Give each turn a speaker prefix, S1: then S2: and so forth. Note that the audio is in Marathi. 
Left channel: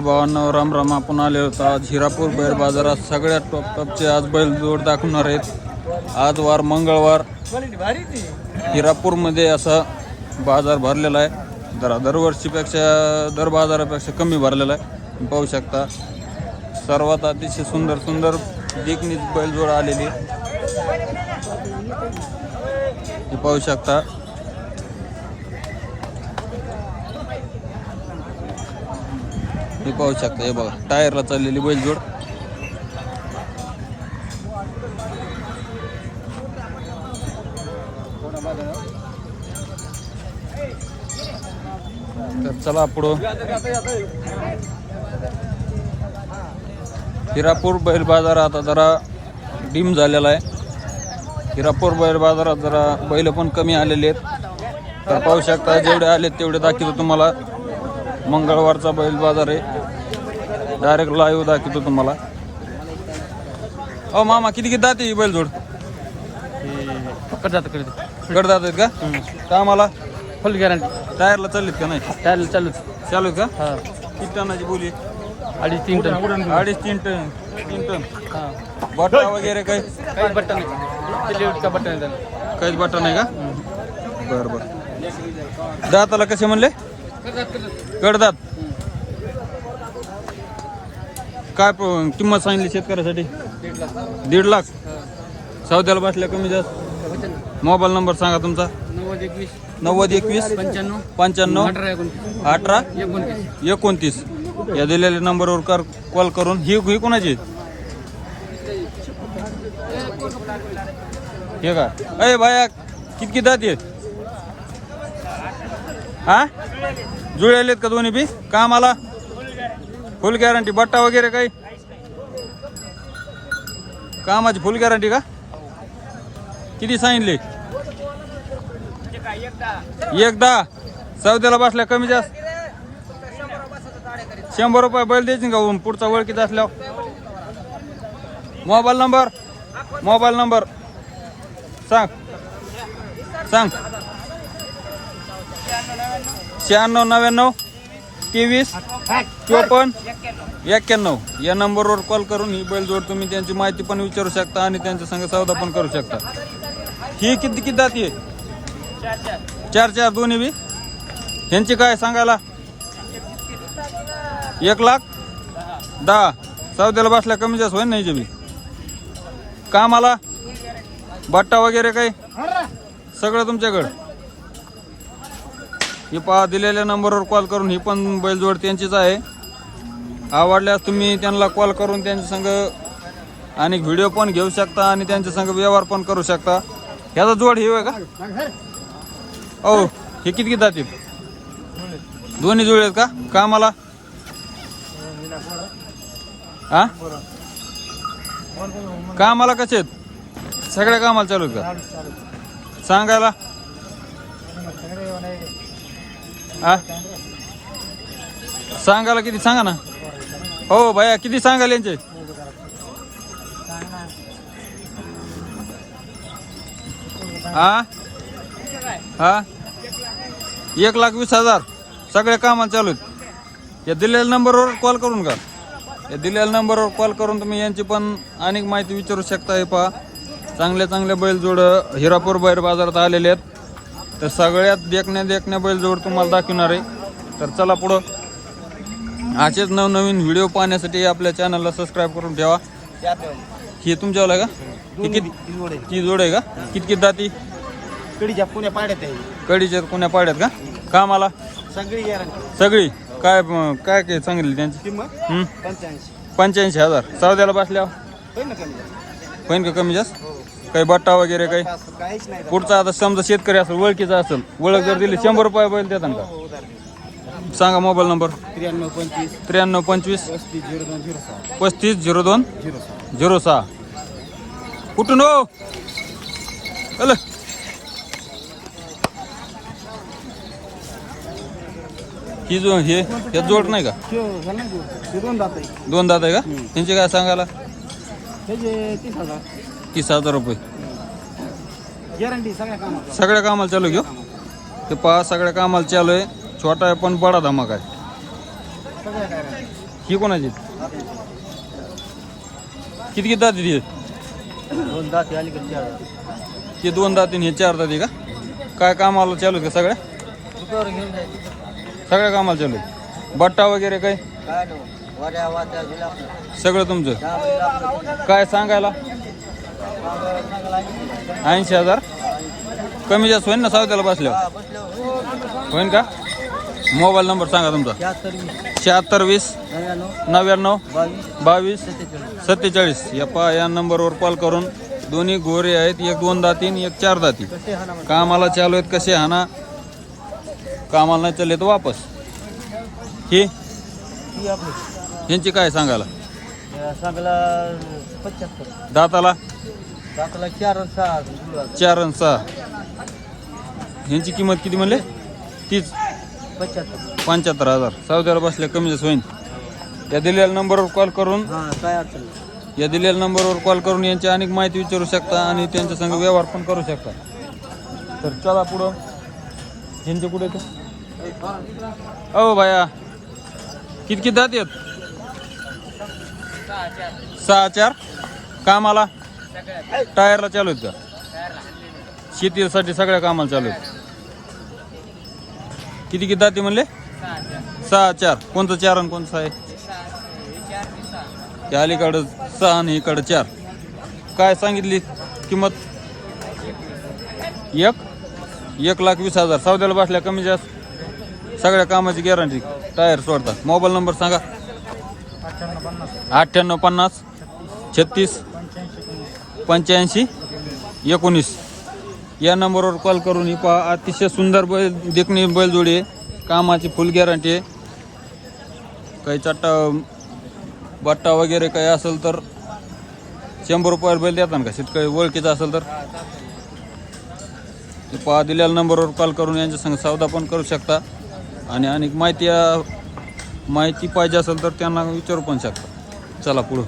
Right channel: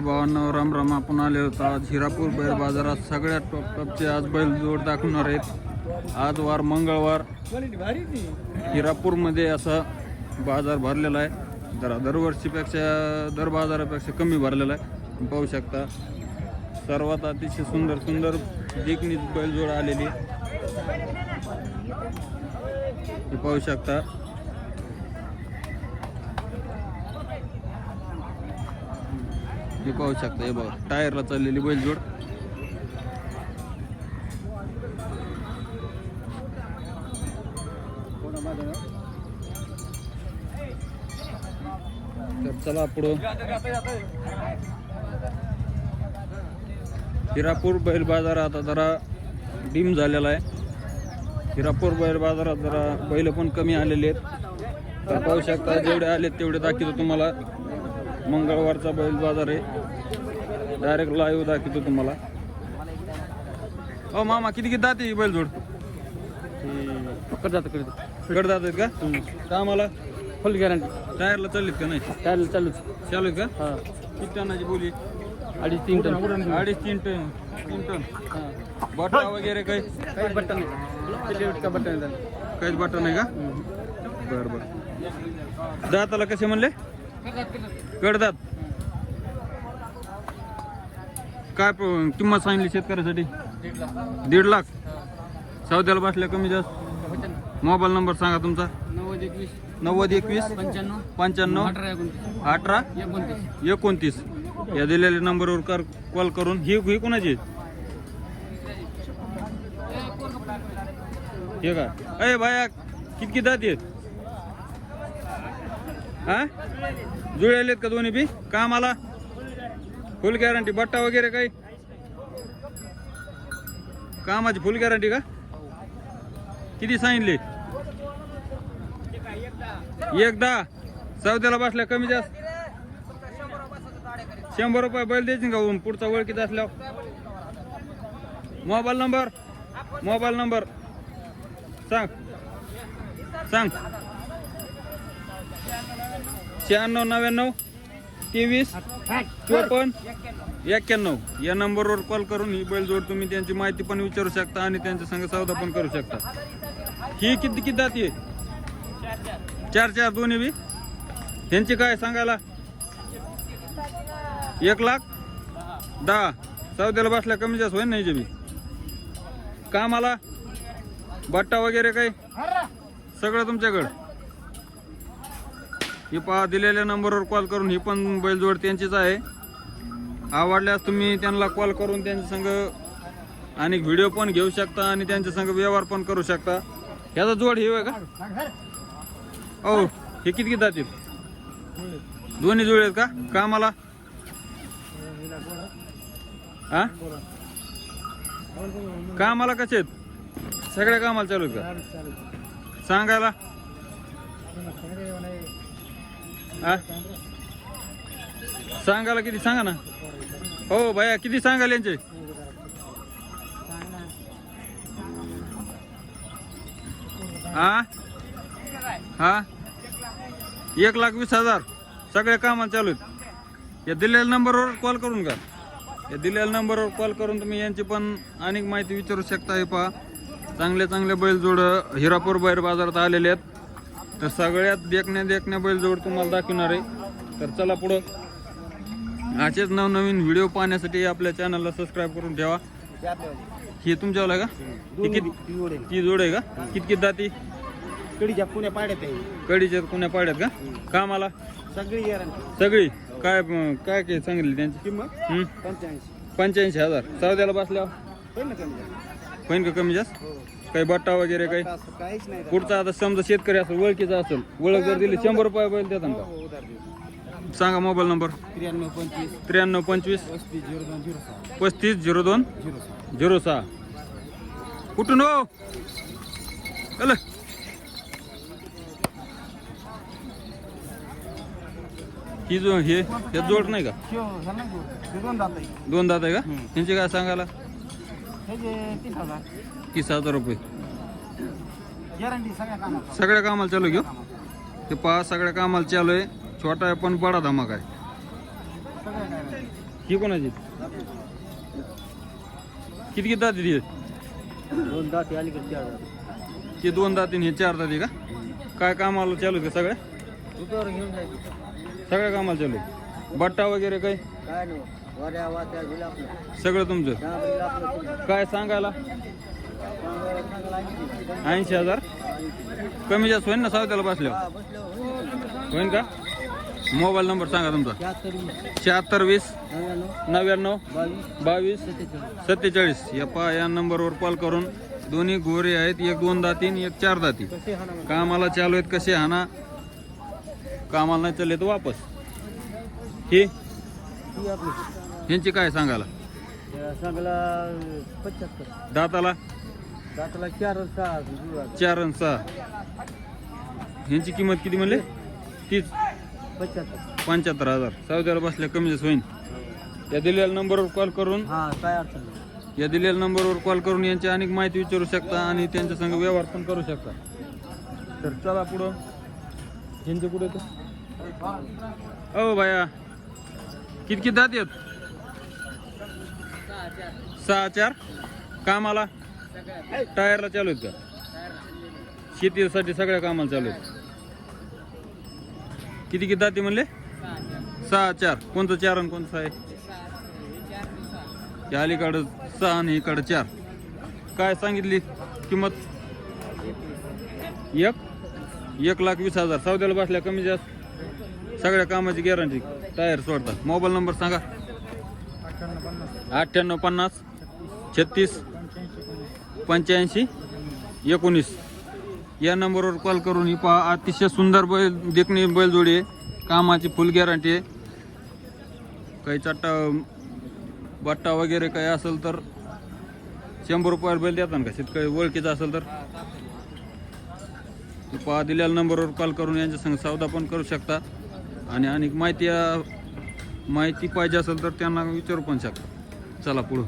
S1: भावांना राम राम आपण आले होता आज हिरापूर बैल बाजारात. सगळ्यात टॉप टॉपचे आज बैल जोड दाखवणार आहेत. आज वार मंगळवार. हिरापूरमध्ये असा बाजार भरलेला आहे. जरा दरवर्षीपेक्षा दर बाजारापेक्षा कमी भरलेला आहे. पाहू शकता. सर्वात अतिशय सुंदर सुंदर देखणीच बैलजोड आलेली हे पाहू शकता. हे पाहू शकता. हे बघा टायरला चाललेली बैलजोड. तर चला पुढं. हिरापूर बैल बाजार आता जरा डीम झालेला आहे. हिरापूर बैल बाजारात जरा बैल पण कमी आलेले आहेत. तर पाहू शकता जेवढे आलेत तेवढे दाखवतो तुम्हाला. मंगळवारचा बैल बाजार आहे. डायरेक्ट लाईव्ह दाखवतो तुम्हाला. अहो मामा किती किती दाते ही बैलजोड?
S2: जातं
S1: गड जात आहेत का? कामाला
S2: फुल गॅरंटी
S1: टायरला चाललीत का नाही?
S2: त्याला चालूच
S1: चालू आहेत का?
S2: हा.
S1: किती टनाची बोली
S2: अडीच तीन टन.
S1: अडीच तीन टन तीन टन.
S2: हा.
S1: बटा वगैरे काही
S2: काही बटन का बटन आहे त्याला.
S1: काहीच बटा नाही का? बरं बरं. दाताला कसे म्हणले? कडदात काय प- किंमत सांगितली शेतकऱ्यासाठी? दीड लाख. सौद्याला बसल्या कमी जास्त. मोबाईल नंबर सांगा तुमचा.
S2: नव्वद एकवीस.
S1: नव्वद एकवीस.
S2: पंच्याण्णव.
S1: पंच्याण्णव.
S2: अठरा एकोणतीस.
S1: अठरा.
S2: एकोणतीस.
S1: एकोणतीस. या दिलेल्या नंबरवर कर कॉल करून. ही ही कोणाची? आहे? हे का? अय भाया किती किती दात आहेत? हा? जुळलेत का दोन्ही बी? कामाला? फुल गॅरंटी बट्टा वगैरे काही? कामाची फुल गॅरंटी का? किती सांगितले? एकदा. चौद्याला बसल्या कमी जास्त. शंभर रुपये बैल द्यायची का पुढचा ओळखीत असल्यावर. Mobile number? Mobile number. सांग. सांग. शहाण्णव नव्याण्णव तेवीस चोपन्न एक्क्याण्णव. या नंबरवर कॉल करून ही बैलजोड तुम्ही त्यांची माहिती पण विचारू शकता आणि त्यांच्या संग सौदा पण करू शकता. ही किती किती जाती आहे? चार चार. दोन्ही बी? ह्यांची काय सांगायला? एक लाख? दहा. चौद्याला बसल्या कमी जास्त होईल नाही बी? कामाला? बट्टा वगैरे काही? सगळं तुमच्याकडं? ही पहा दिलेल्या नंबरवर कॉल करून ही पण बैलजोड त्यांचीच आहे. आवडल्यास तुम्ही त्यांना कॉल करून त्यांच्या संग आणि व्हिडिओ पण घेऊ शकता आणि त्यांच्या संग व्यवहार पण करू शकता. ह्याचा जोड हे का? हो हे किती किती जातील? दोन्ही जुळे आहेत का? कामाला? हा कामाला कसे आहेत? सगळ्या कामाला चालू आहेत का? सांगायला? हा? सांगायला किती? सांगा ना. हो भया किती सांगाल यांचे? हा? हा? एक लाख वीस हजार. सगळ्या कामं चालू आहेत. या दिलेल्या नंबरवर कॉल करून का या दिलेल्या नंबरवर कॉल करून तुम्ही यांची पण अनेक माहिती विचारू शकता. हे पहा. चांगल्या चांगल्या बैलजोड हिरापूर बैल बाजारात आलेले आहेत. तर सगळ्यात देखण्या देखण्या बैलजोड तुम्हाला दाखवणार आहे. तर चला पुढं. असेच नवनवीन व्हिडिओ पाहण्यासाठी आपल्या चॅनलला सबस्क्राईब करून ठेवा. हे तुमच्यावाला आहे का? ही किती ती जोड आहे का? किती किती जाती
S2: कडीच्या पुण्या पाड्यात आहे.
S1: कडीच्या कुण्या पाड्यात का? कामाला?
S2: सगळी
S1: सगळी? काय काय काय सांगितली त्यांची?
S2: पंच्याऐंशी.
S1: हजार. चौद्याला बसल्यावर. होईन का कमी जास्त? काही बट्टा वगैरे काही? पुढचा आता समजा शेतकरी असेल ओळखीचा असेल ओळख जर दिली शंभर रुपये बैल देतात का? सांगा मोबाईल नंबर.
S2: त्र्याण्णव पंचवीस.
S1: त्र्याण्णव पंचवीस.
S2: पस्तीस झिरो दोन झिरो सहा.
S1: पस्तीस झिरो दोन
S2: झिरो सहा.
S1: झिरो सहा. कुठून हो? अल ही जो हे हे जोड नाही का?
S2: दोन आहे.
S1: दोन दात आहे का? त्यांचे काय सांगायला?
S2: त्याचे तीस हजार.
S1: तीस हजार रुपये.
S2: गॅरंटी सगळ्या
S1: कामाला चालू. घेऊ ते पहा सगळ्या कामाला चालू आहे. छोटा आहे पण बडा धमाका आहे.
S2: सगळ्या
S1: ही कोणाची? किती किती दाती ती
S2: दोन दात अलीकडे चार?
S1: ते दोन दाती हे चार दाती का? काय कामाला चालू आहे का सगळ्या?
S2: घेऊन जायचं.
S1: सगळ्या कामाला चालू आहे. बट्टा वगैरे काय?
S2: काय नाही. वड्या वाट्या दिला आपलं
S1: सगळं तुमचं. काय सांगायला? ऐंशी हजार? कमी जास्त होईन ना सावत्याला बसल्यावर?
S2: बसल्यावर
S1: होईन का? मोबाईल नंबर सांगा तुमचा.
S2: शहात्तर वीस नव्याण्णव बावीस सत्तेचाळीस.
S1: या पा या नंबरवर कॉल करून दोन्ही गोरे आहेत. एक दोन दाती आणि एक चार दाती कामाला चालू आहेत कसे हाना? कामाला नाही चालले तर वापस. ही? ह्यांची काय सांगायला? दाताला
S2: दाताला? चार आणि सहा
S1: चार आणि सहा. ह्यांची किंमत किती म्हणले? तीच.
S2: पंच्याहत्तर.
S1: पंच्याहत्तर हजार. सावत्याला बसल्या कमी जास्त होईन. या दिलेल्या नंबरवर कॉल करून
S2: हां काय अडचण नाही.
S1: या दिलेल्या नंबरवर कॉल करून यांची अनेक माहिती विचारू शकता आणि त्यांच्या संग व्यवहार पण करू शकता. तर चला पुढं. ह्यांचे कुठे ते हो बाया. किती किती दात आहेत? सहा चार. कामाला? टायरला चालू आहेत का? शेतीसाठी सगळ्या कामाला चालू आहेत. किती किती दाते म्हणले? सहा चार. कोणतं चार आणि कोणतं सहा आहे? त्या अलीकडं सहा आणि इकडं चार. काय सांगितली किंमत? एक? एक लाख वीस हजार. सौद्याला बसल्या कमी जास्त. सगळ्या कामाची गॅरंटी टायर सोडतात. मोबाईल नंबर सांगा.
S2: अठ्ठ्याण्णव पन्नास.
S1: छत्तीस.
S2: पंच्याऐंशी
S1: एकोणीस. या नंबरवर कॉल करून ही पहा. अतिशय सुंदर बैल देखणी बैलजोडी आहे. कामाची फुल गॅरंटी आहे. काही चट्टा बट्टा वगैरे काही असेल तर शंभर रुपयावर बैल देतात का? शेतकरी ओळखीचा असेल तर. ते पहा दिलेल्या नंबरवर कॉल करून यांच्या संग सौदा पण करू शकता. आणि अनेक माहिती माहिती पाहिजे असेल तर त्यांना विचारू पण शकता. चला पुढं.